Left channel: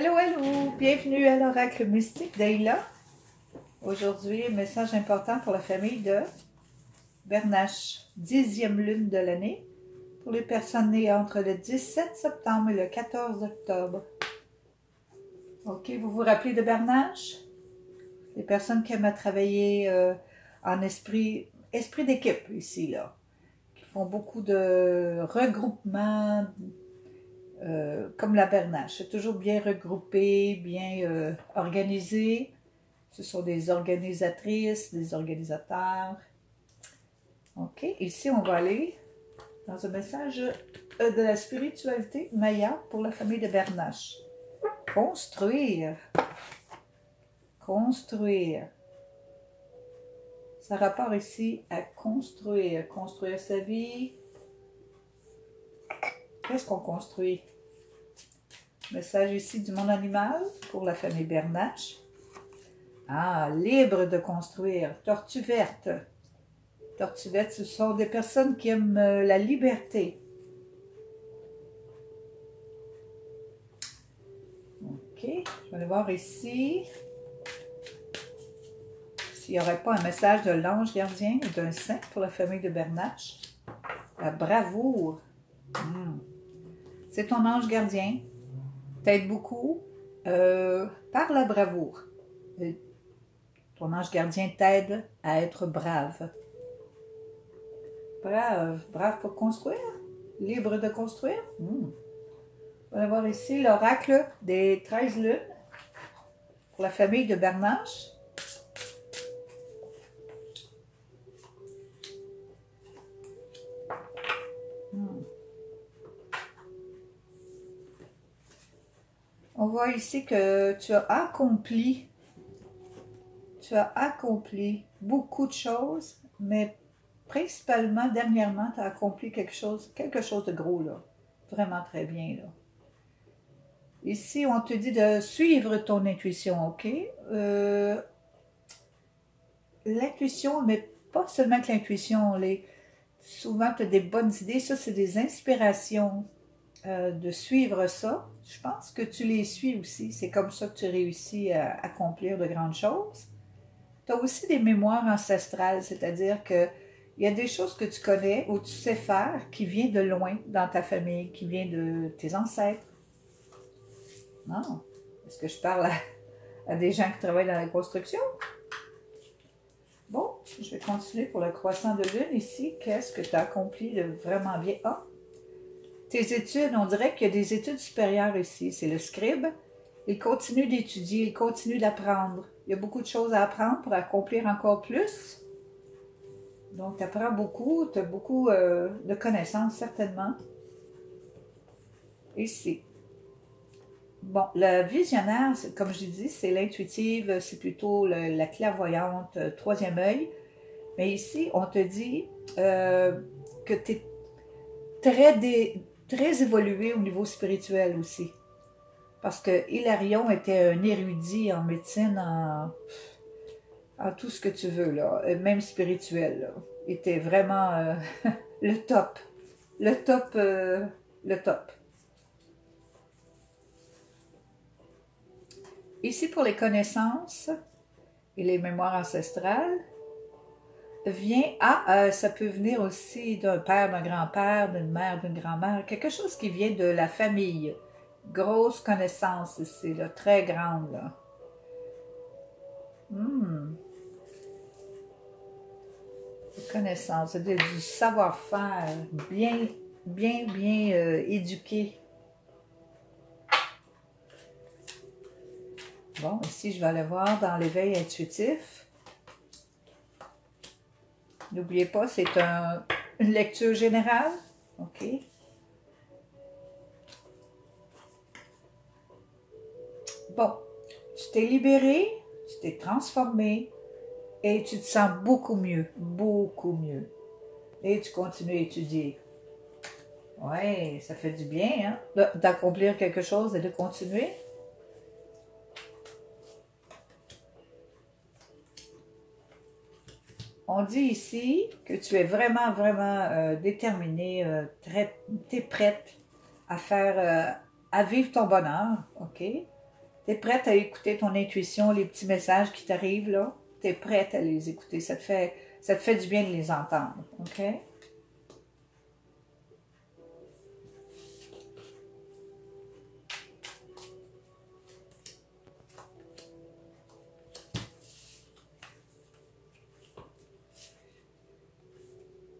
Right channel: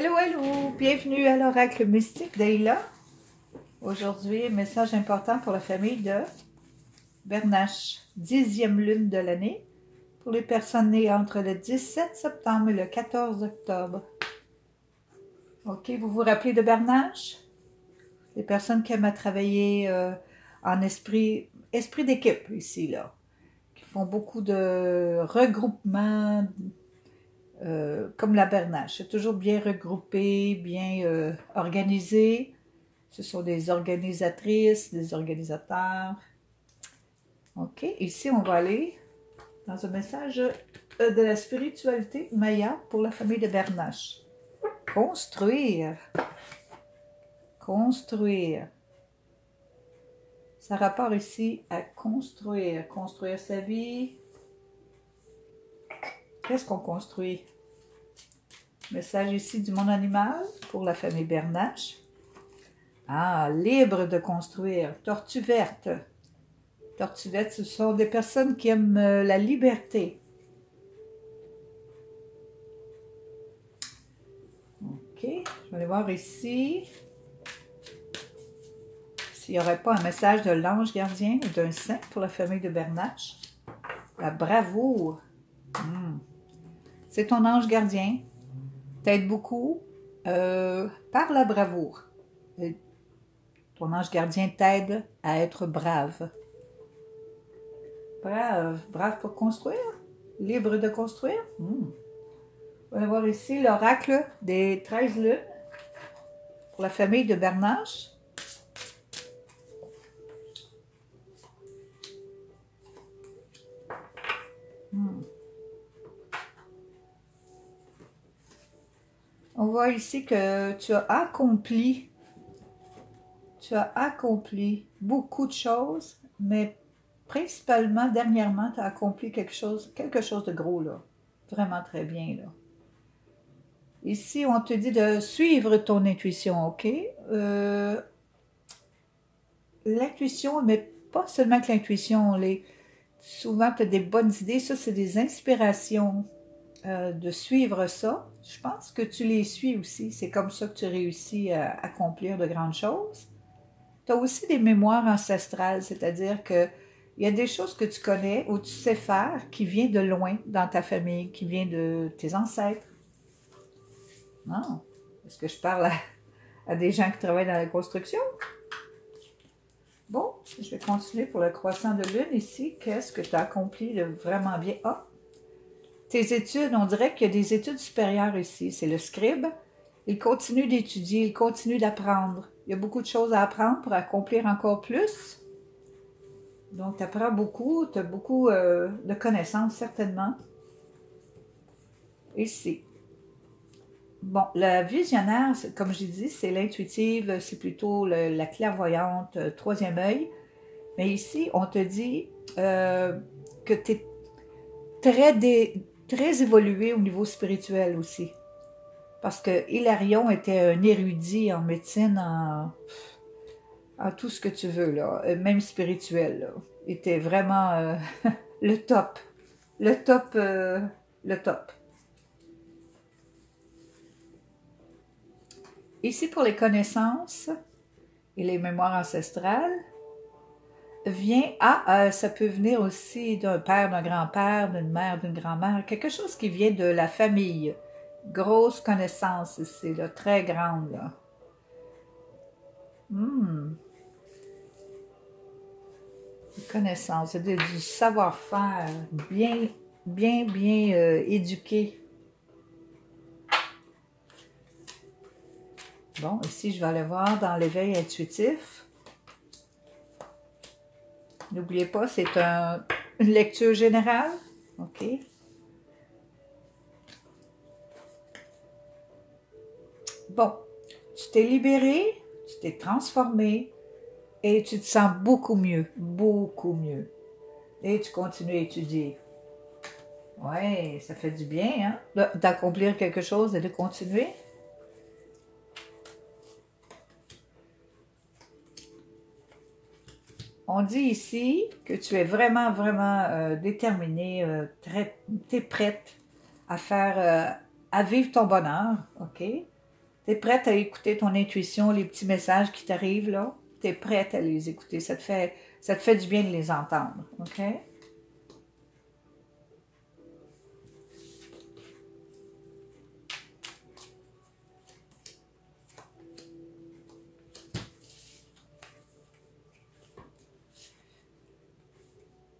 Hello, hello! Bienvenue à l'Oracle Mystique d'Ayla. Aujourd'hui, message important pour la famille de Bernache, 10e lune de l'année, pour les personnes nées entre le 17 septembre et le 14 octobre. Ok, vous vous rappelez de Bernache? Les personnes qui aiment travailler en esprit d'équipe ici, là, qui font beaucoup de regroupements, comme la Bernache. C'est toujours bien regroupé, bien organisé. Ce sont des organisatrices, des organisateurs. OK, ici on va aller dans un message de la spiritualité Maya pour la famille de Bernache. Construire. Construire. Ça rapporte ici à construire. Construire sa vie. Qu'est-ce qu'on construit? Message ici du monde animal pour la famille Bernache. Ah, libre de construire. Tortue verte. Tortue verte, ce sont des personnes qui aiment la liberté. Ok, je vais aller voir ici s'il n'y aurait pas un message de l'ange gardien ou d'un saint pour la famille de Bernache. La bravoure. C'est ton ange gardien. T'aide beaucoup par la bravoure. Ton ange gardien t'aide à être brave. Brave. Brave pour construire. Libre de construire. On va voir ici l'oracle des 13 lunes pour la famille de Bernache. On voit ici que tu as accompli beaucoup de choses, mais principalement, dernièrement, tu as accompli quelque chose de gros, là. Vraiment très bien, là. Ici, on te dit de suivre ton intuition, OK? L'intuition, mais pas seulement que l'intuition. Souvent, tu as des bonnes idées. Ça, c'est des inspirations de suivre ça. Je pense que tu les suis aussi. C'est comme ça que tu réussis à accomplir de grandes choses. Tu as aussi des mémoires ancestrales, c'est-à-dire que il y a des choses que tu connais ou tu sais faire qui viennent de loin dans ta famille, qui viennent de tes ancêtres. Non. Est-ce que je parle à des gens qui travaillent dans la construction? Bon, je vais continuer pour le croissant de lune ici. Qu'est-ce que tu as accompli de vraiment bien? Ah! Tes études, on dirait qu'il y a des études supérieures ici. C'est le scribe. Il continue d'étudier, il continue d'apprendre. Il y a beaucoup de choses à apprendre pour accomplir encore plus. Donc, tu apprends beaucoup, tu as beaucoup de connaissances, certainement. Ici. Bon, la visionnaire, comme j'ai dit, c'est l'intuitive, c'est plutôt la clairvoyante, troisième œil. Mais ici, on te dit que tu es très évolué au niveau spirituel aussi. Parce que Hilarion était un érudit en médecine, en tout ce que tu veux, là, même spirituel, là. Il était vraiment le top. Le top. Ici, pour les connaissances et les mémoires ancestrales, ça peut venir aussi d'un père, d'un grand-père, d'une mère, d'une grand-mère, quelque chose qui vient de la famille. Grosse connaissance ici, là, très grande, là. Connaissance, du savoir-faire, bien éduqué. Bon, ici, je vais aller voir dans l'éveil intuitif. N'oubliez pas, c'est une lecture générale. OK. Bon, tu t'es libéré, tu t'es transformé et tu te sens beaucoup mieux, beaucoup mieux. Et tu continues à étudier. Ouais, ça fait du bien, hein, d'accomplir quelque chose et de continuer. On dit ici que tu es vraiment déterminée, tu es prête à faire, à vivre ton bonheur, OK? Tu es prête à écouter ton intuition, les petits messages qui t'arrivent là. Tu es prête à les écouter. Ça te fait du bien de les entendre. OK?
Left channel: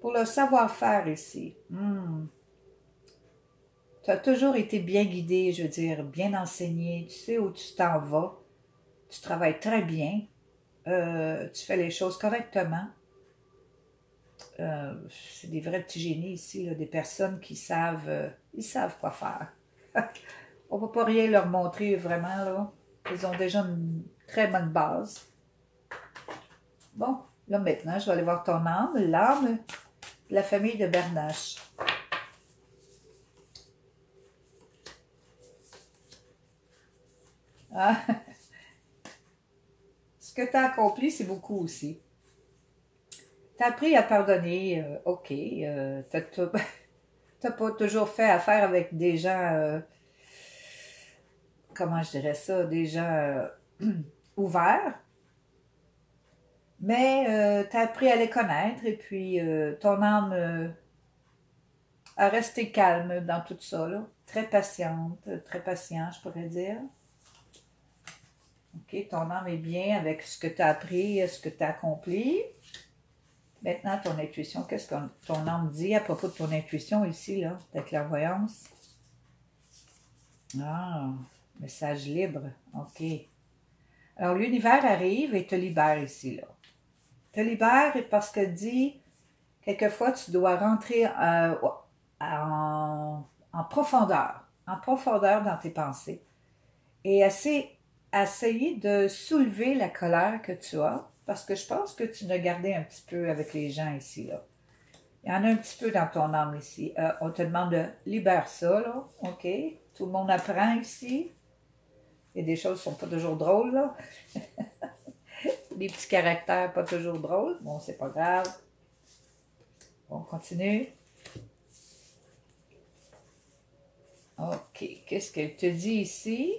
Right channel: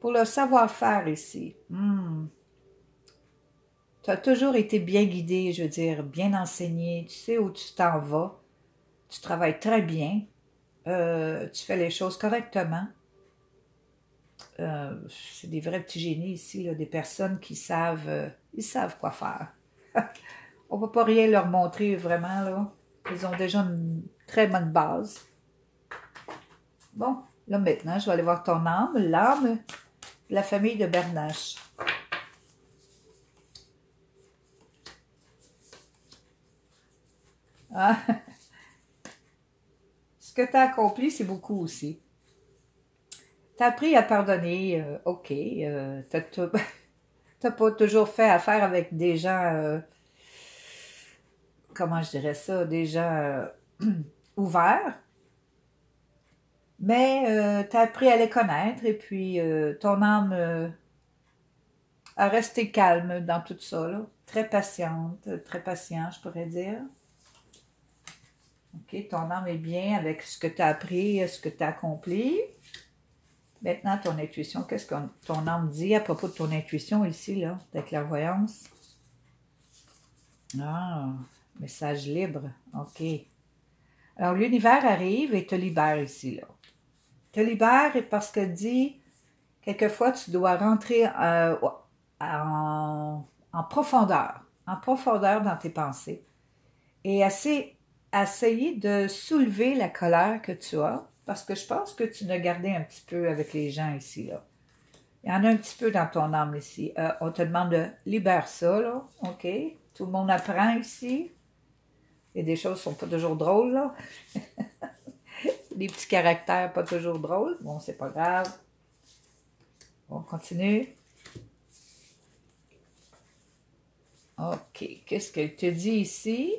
Pour le savoir-faire ici, tu as toujours été bien guidé, je veux dire, bien enseigné, tu sais où tu t'en vas, tu travailles très bien, tu fais les choses correctement. C'est des vrais petits génies ici, là, des personnes qui savent, ils savent quoi faire. On ne va pas rien leur montrer vraiment, là. Ils ont déjà une très bonne base. Bon, là maintenant, je vais aller voir ton âme, l'âme de la famille de Bernache. Ah. Ce que tu as accompli, c'est beaucoup aussi. Tu as appris à pardonner, ok. Tu n'as pas toujours fait affaire avec des gens, comment je dirais ça, des gens ouverts. Mais tu as appris à les connaître et puis ton âme a resté calme dans tout ça, là. Très patiente, très patient, je pourrais dire. OK, ton âme est bien avec ce que tu as appris, ce que tu as accompli. Maintenant, ton intuition, qu'est-ce que ton âme dit à propos de ton intuition ici, là, ta clairvoyance? Ah, message libre, OK. Alors, l'univers arrive et te libère ici, là. Te libère parce que dit, quelquefois, tu dois rentrer en profondeur dans tes pensées et essayer de soulever la colère que tu as, parce que je pense que tu l'as gardé un petit peu avec les gens ici, là. Il y en a un petit peu dans ton âme ici. On te demande de libérer ça, là, OK? Tout le monde apprend ici. Il y a des choses qui ne sont pas toujours drôles, là. Des petits caractères pas toujours drôles. Bon, c'est pas grave. On continue. OK. Qu'est-ce qu'elle te dit ici?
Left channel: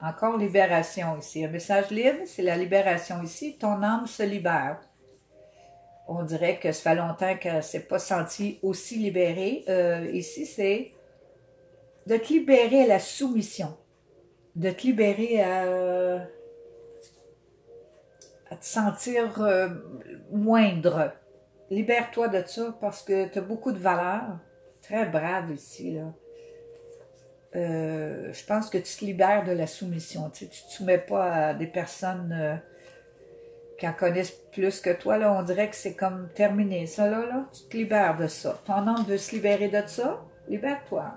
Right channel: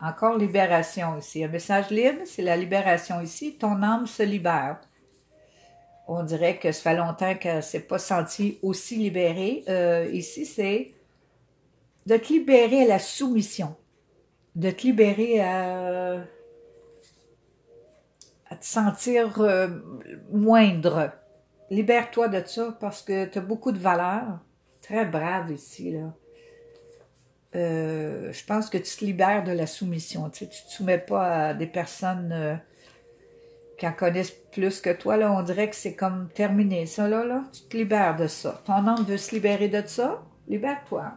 Encore libération ici. Un message libre, c'est la libération ici. Ton âme se libère. On dirait que ça fait longtemps qu'elle ne s'est pas sentie aussi libérée. Ici, c'est de te libérer à la soumission. De te libérer à te sentir moindre. Libère-toi de ça parce que tu as beaucoup de valeur. Très brave ici, là. Je pense que tu te libères de la soumission. Tu ne te soumets pas à des personnes qui en connaissent plus que toi. Là, on dirait que c'est comme terminé. Ça, là, tu te libères de ça. Ton âme veut se libérer de ça. Libère-toi.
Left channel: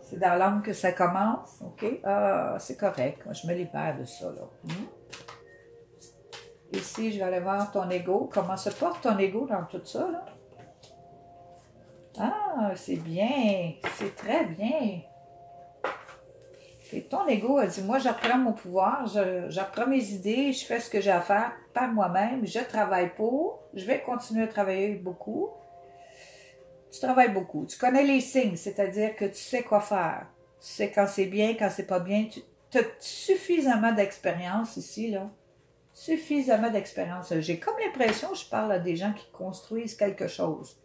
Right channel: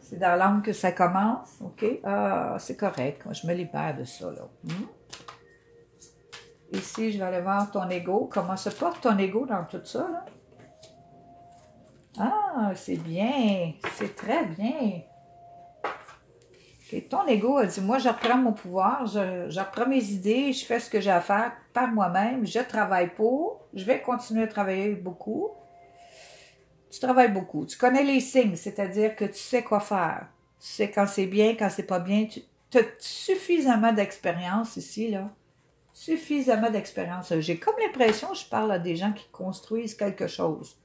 C'est dans l'âme que ça commence. OK? Ah, c'est correct. Je me libère de ça, là. Ici, je vais aller voir ton ego. Comment se porte ton ego dans tout ça, là? Ah, c'est bien. C'est très bien. Okay. Ton ego a dit, moi, je reprends mon pouvoir, je reprends mes idées, je fais ce que j'ai à faire par moi-même, je travaille pour, je vais continuer à travailler beaucoup. Tu travailles beaucoup. Tu connais les signes, c'est-à-dire que tu sais quoi faire. Tu sais quand c'est bien, quand c'est pas bien. Tu as suffisamment d'expérience ici, là. Suffisamment d'expérience. J'ai comme l'impression que je parle à des gens qui construisent quelque chose.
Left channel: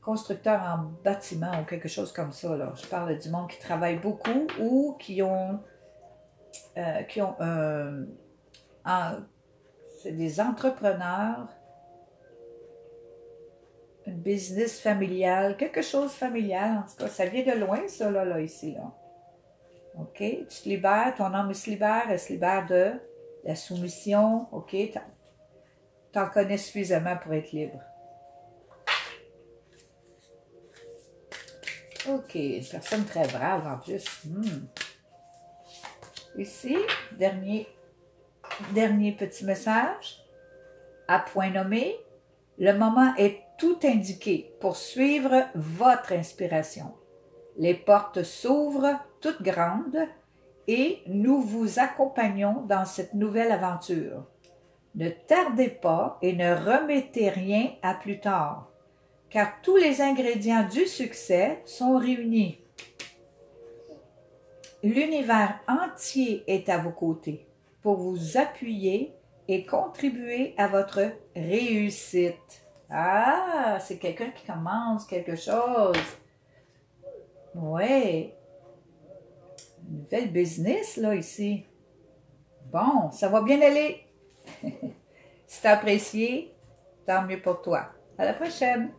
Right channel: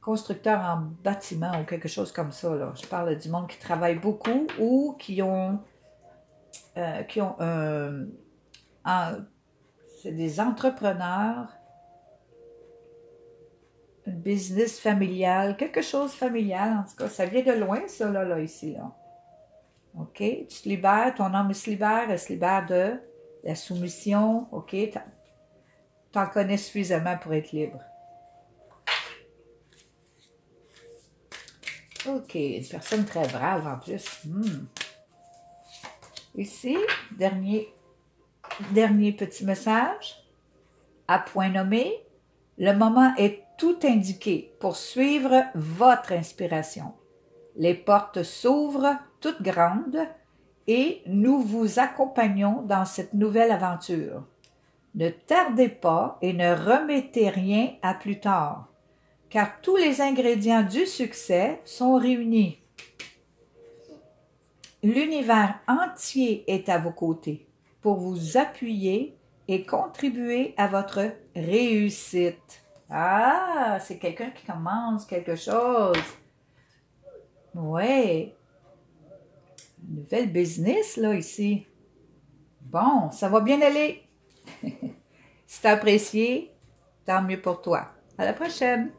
Constructeurs en bâtiment ou quelque chose comme ça, là. Je parle du monde qui travaille beaucoup ou qui ont c'est des entrepreneurs, un business familial, quelque chose familial, en tout cas, ça vient de loin, ça, là, ici, là. OK? Tu te libères, ton âme se libère, elle se libère de la soumission, OK? T'en connais suffisamment pour être libre. OK, une personne très brave en plus. Ici, dernier petit message. À point nommé, le moment est tout indiqué pour suivre votre inspiration. Les portes s'ouvrent toutes grandes et nous vous accompagnons dans cette nouvelle aventure. Ne tardez pas et ne remettez rien à plus tard, car tous les ingrédients du succès sont réunis. L'univers entier est à vos côtés pour vous appuyer et contribuer à votre réussite. Ah, c'est quelqu'un qui commence quelque chose. Ouais. Nouvelle business, là, ici. Bon, ça va bien aller. Si t'as apprécié, tant mieux pour toi. À la prochaine!